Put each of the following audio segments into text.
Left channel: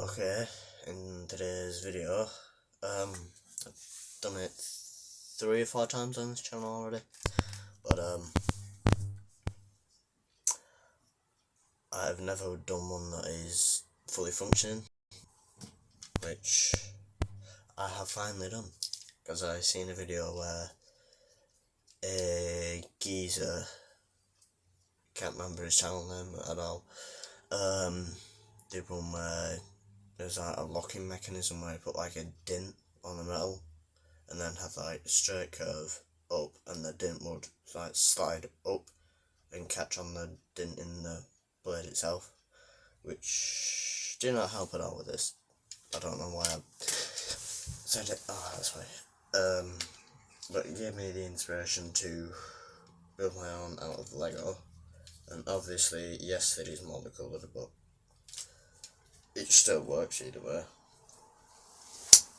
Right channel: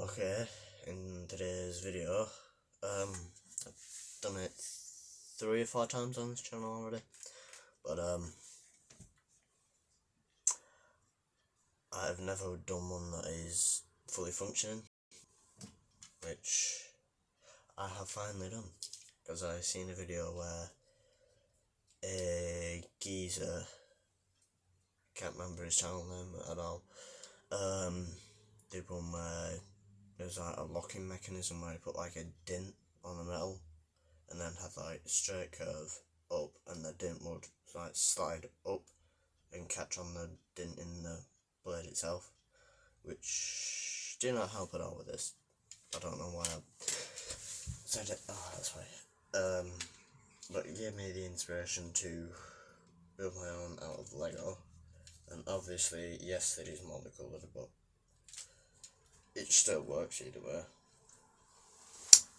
Okay, in today's video, I've done it 3 or 4 times on this channel already, but I've never done one that is fully functioning, which I have finally done, because I seen a video where a geezer, can't remember his channel name at all, did one where there's like a locking mechanism where you put like a dint on the metal and then have like a straight curve up, and the dint would like slide up and catch on the dint in the blade itself, which did not help at all with this. I don't know why I said it. Oh, that's why. But it gave me the inspiration to build my own out of Lego, and obviously yes, it is multicoloured, but it still works either way.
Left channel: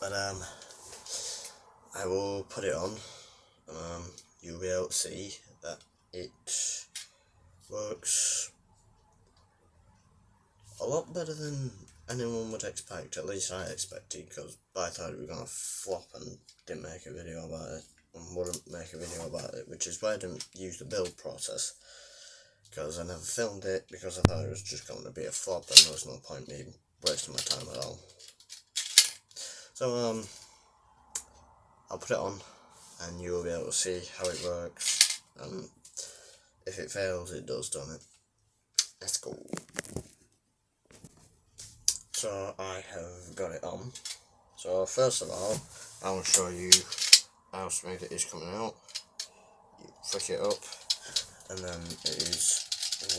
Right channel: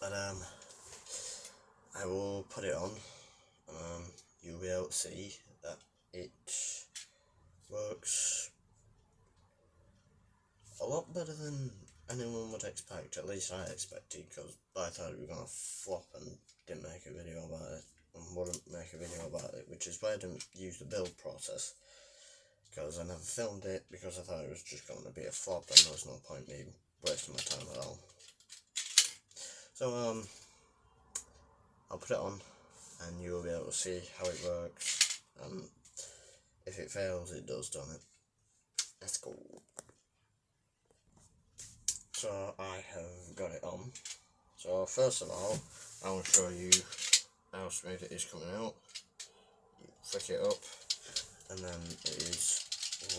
But I will put it on, and you'll be able to see that it works a lot better than anyone would expect. At least I expected, because I thought it was going to flop and didn't make a video about it, and wouldn't make a video about it, which is why I didn't use the build process, because I never filmed it, because I thought it was just going to be a flop and there was no point me wasting my time at all. So I'll put it on and you'll be able to see how it works, and if it fails it does, don't it? Let's go. So I have got it on. So first of all, I will show you how smooth it is coming out. You flick it up and then it is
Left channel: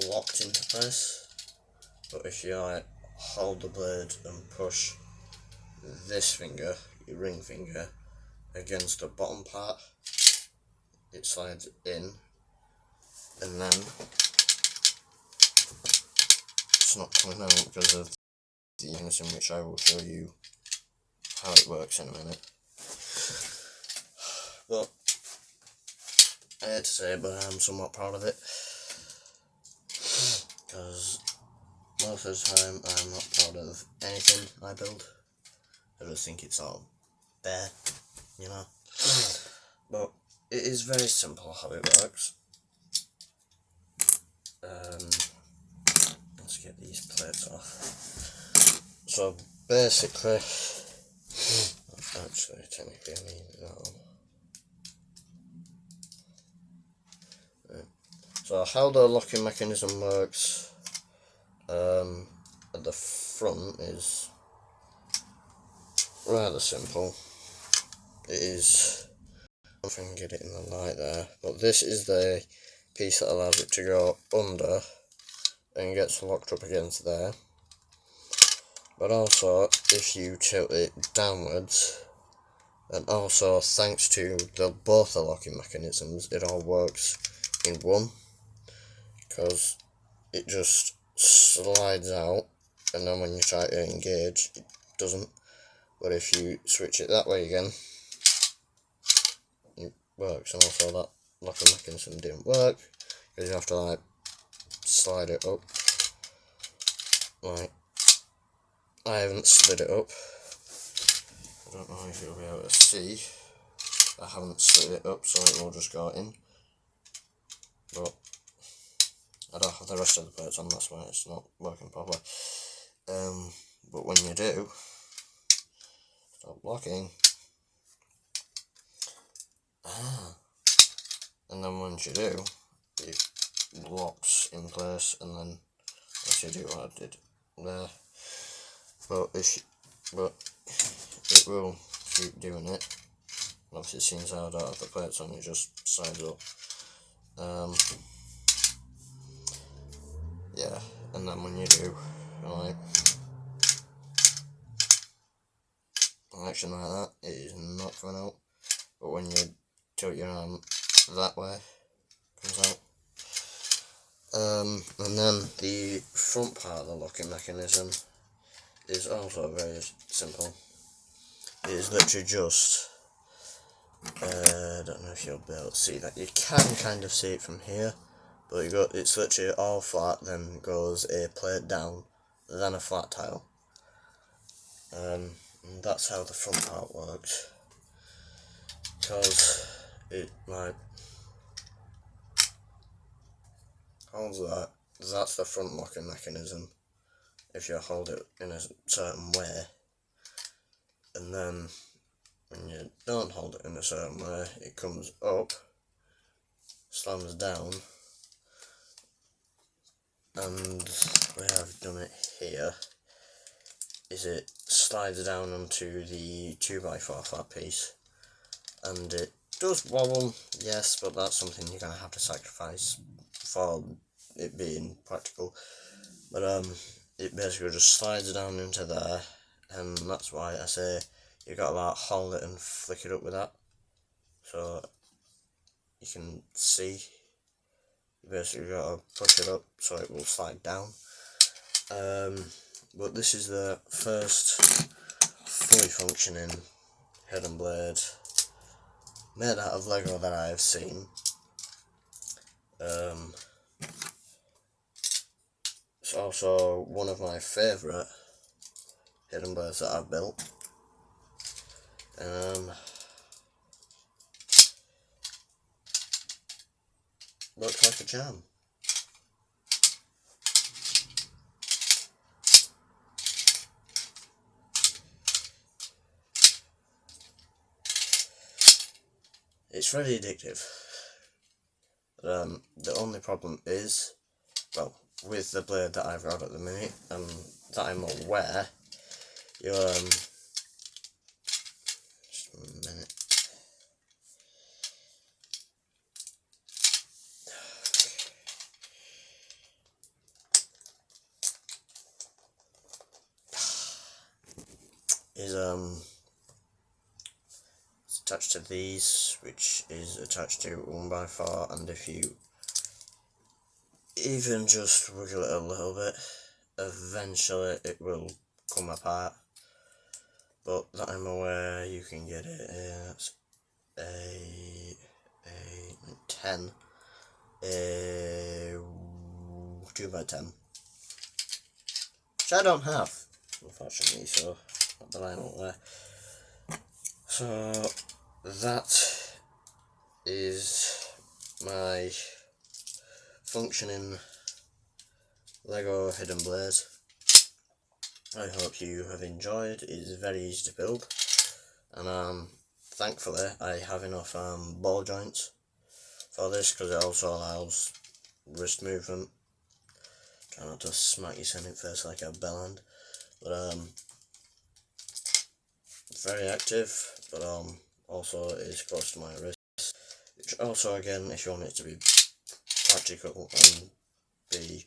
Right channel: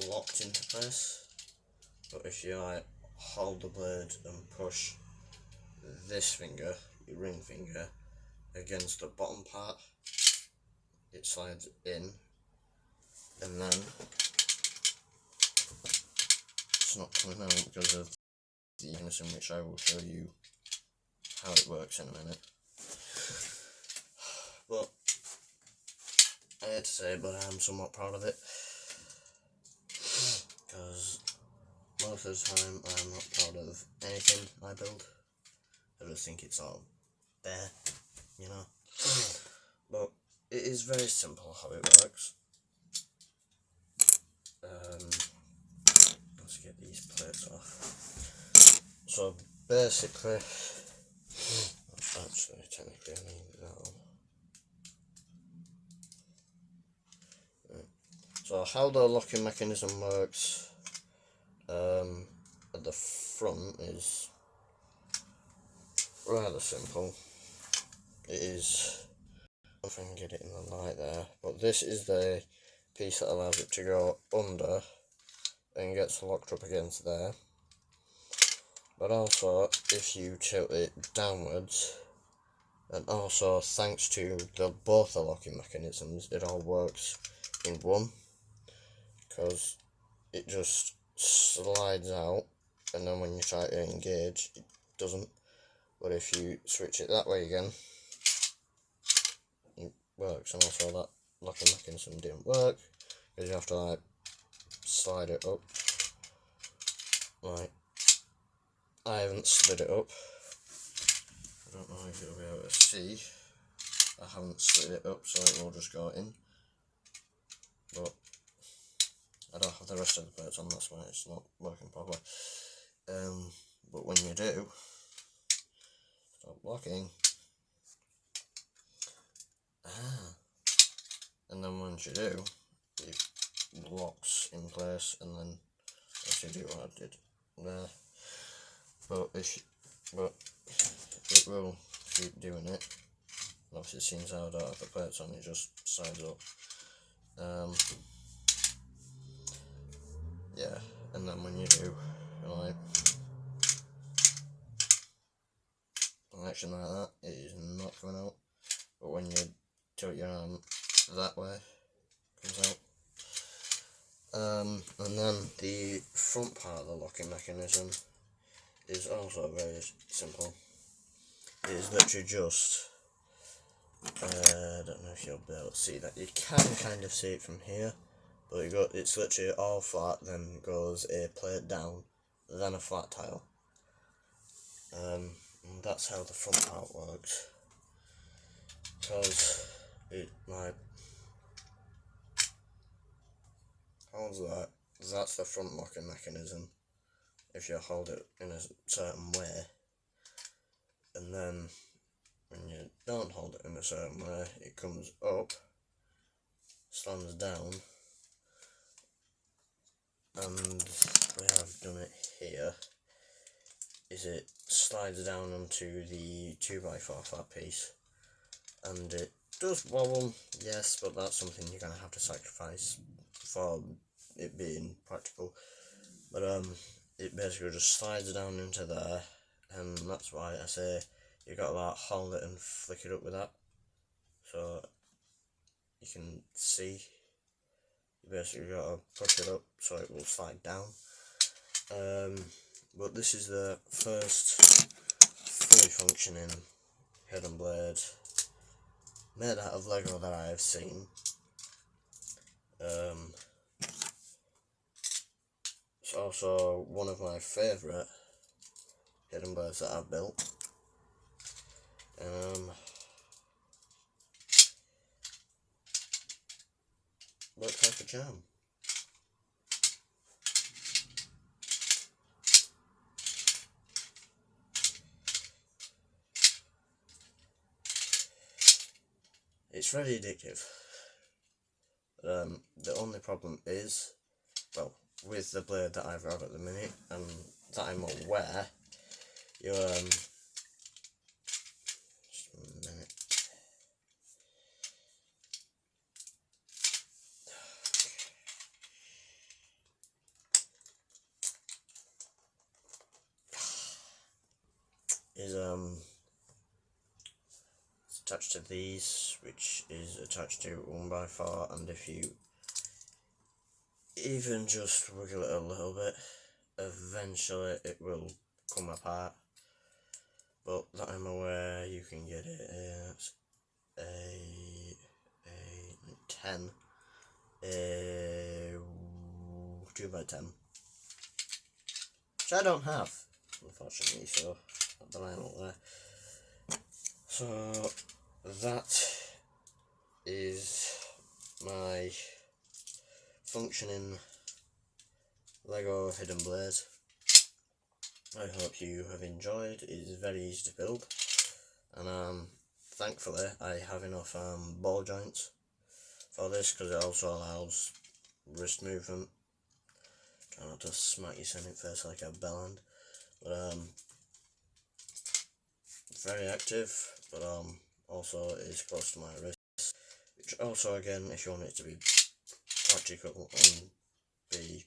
locked into place, but if you like hold the blade and push this finger, your ring finger, against the bottom part, it slides in, and then it's not coming out because of the mechanism, which I will show you how it works in a minute. But I hate to say it, but I'm somewhat proud of it, because most of the time I'm not proud of anything I build. I just think it's all bare, you know. But it is very simple how it works. Let's get these plates off. So basically, actually technically I mean no. Right. So how the locking mechanism works at the front is rather simple. It is, if I can get it in the light there, but this is the piece that allows it to go under and gets locked up against there. But also if you tilt it downwards, and also thanks to both the locking mechanisms, it all works in one, because it just slides out, and then when you try to engage it doesn't. But if you switch it that way again, it works. And also that locking mechanism didn't work, because you have to like slide it up. Like, I haven't slid it up. I don't know if you'll be able to see. I haven't slid it up, so it will just go in. But I don't have the rest of the plates on, that's why it's not working properly. But when you do, stop locking. And then once you do, it locks in place, and then if you do what I did there, but it will keep doing it. Obviously, since I don't have the plates on, it just slides up. Yeah, and then when you do like an action like that, it is not coming out. But when you tilt your arm that way, it comes out. And then the front part of the locking mechanism is also very simple. It is literally just, I don't know if you'll be able to see that. You can kind of see it from here, but it's literally all flat, then goes a plate down, then a flat tile. And that's how the front part works, because it like holds that. That's the front locking mechanism if you hold it in a certain way, and then when you don't hold it in a certain way, it comes up, slams down, and we have done it here, is it slides down onto the 2x4 flat piece, and it does wobble, yes, but that's something you're going to have to sacrifice for it being practical. But it basically just slides down into there, and that's why I say you got to like hold it and flick it up with that, so you can see. You basically got to push it up so it will slide down. But this is the first fully functioning hidden blade made out of Lego that I have seen. It's also one of my favourite hidden blades that I've built. Looks like a jam. It's very addictive. The only problem is, well, with the blade that I've got at the minute, and that I'm aware, you just a minute. Is it's attached to these, which is attached to 1x4, and if you even just wiggle it a little bit, eventually it will come apart. But that I'm aware, you can get it. It's a 10, a 2x10, which I don't have, unfortunately. So not the line up there. So that is my functioning Lego hidden blade. I hope you have enjoyed. It is very easy to build, and thankfully I have enough ball joints for this, because it also allows wrist movement. Try not to smack your Senate face like a bellend, but very active, but also is close to my wrist, which also, again, if you want it to be practical and be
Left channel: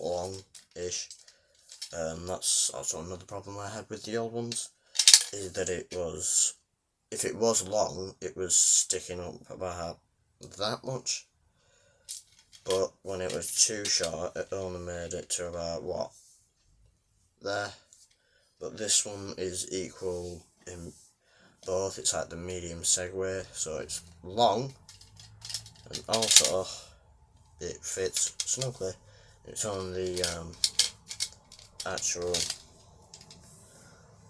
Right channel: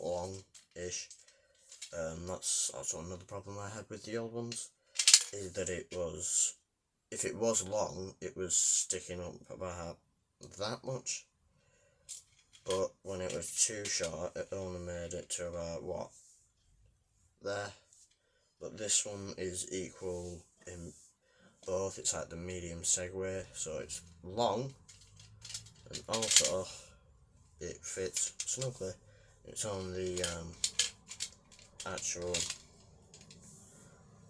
long-ish, that's also another problem I had with the old ones, is that it was, if it was long, it was sticking up about that much, but when it was too short, it only made it to about, what, there. But this one is equal in both. It's like the medium segway, so it's long, and also it fits snugly. It's on the actual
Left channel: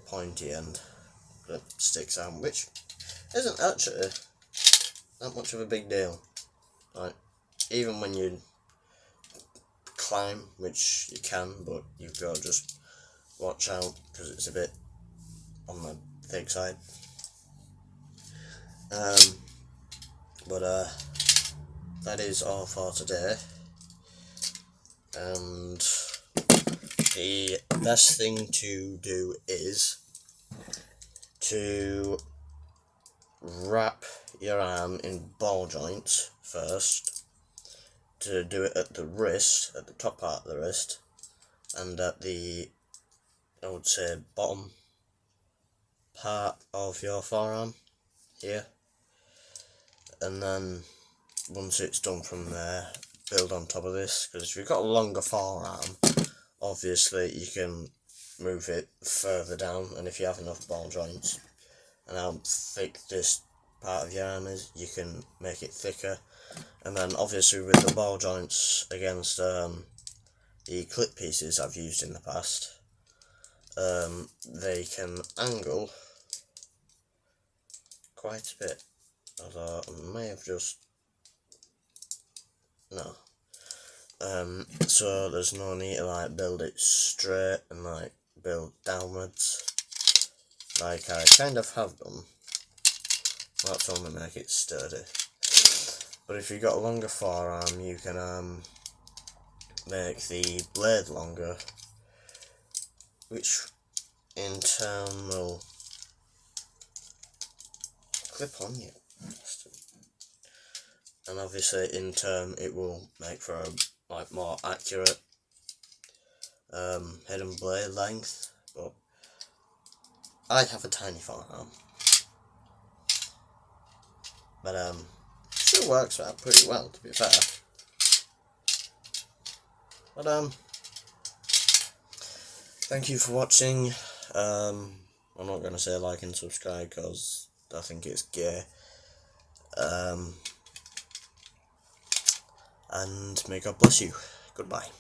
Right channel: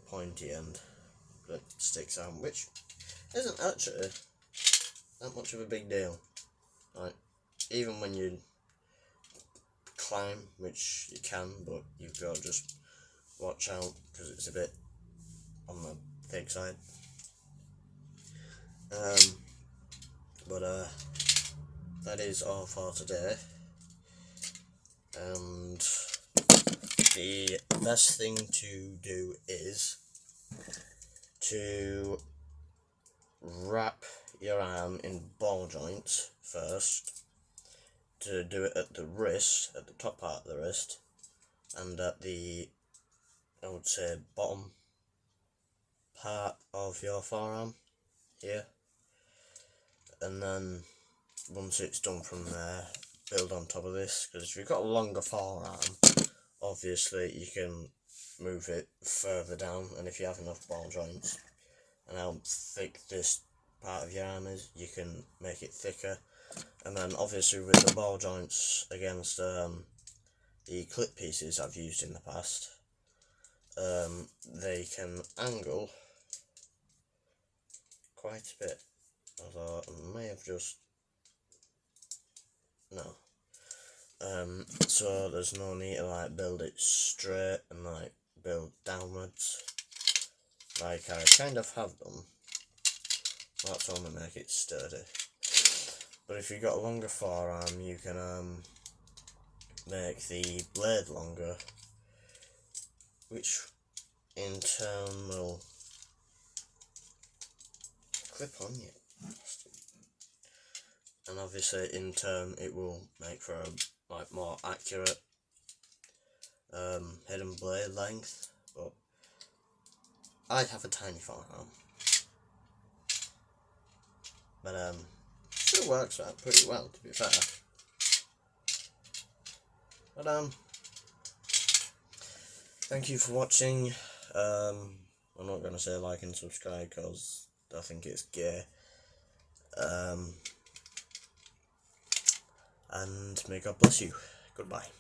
pointy end that sticks out, which isn't actually that much of a big deal. Like, even when you climb, which you can, but you've got to just watch out because it's a bit on the thick side. But that is all for today, and the best thing to do is to wrap your arm in ball joints first, to do it at the wrist, at the top part of the wrist, and at the, I would say, bottom part of your forearm here, and then once it's done from there, build on top of this, because if you've got a longer forearm, obviously you can move it further down, and if you have enough ball joints and how thick this part of your arm is, you can make it thicker. And then obviously with the ball joints against the clip pieces I've used in the past, they can angle quite a bit, although I may have just, no. So there's no need to like build it straight and like build downwards, like I kind of have done. That's only make it sturdy. But if you've got a longer forearm, you can make the blade longer, which in turn will clip on you. And obviously in turn it will make for a like more accurate hidden blade length, but I have a tiny forearm. But still works out pretty well, to be fair. But thank you for watching. I'm not gonna say like and subscribe because I think it's gay. And may God bless you. Goodbye.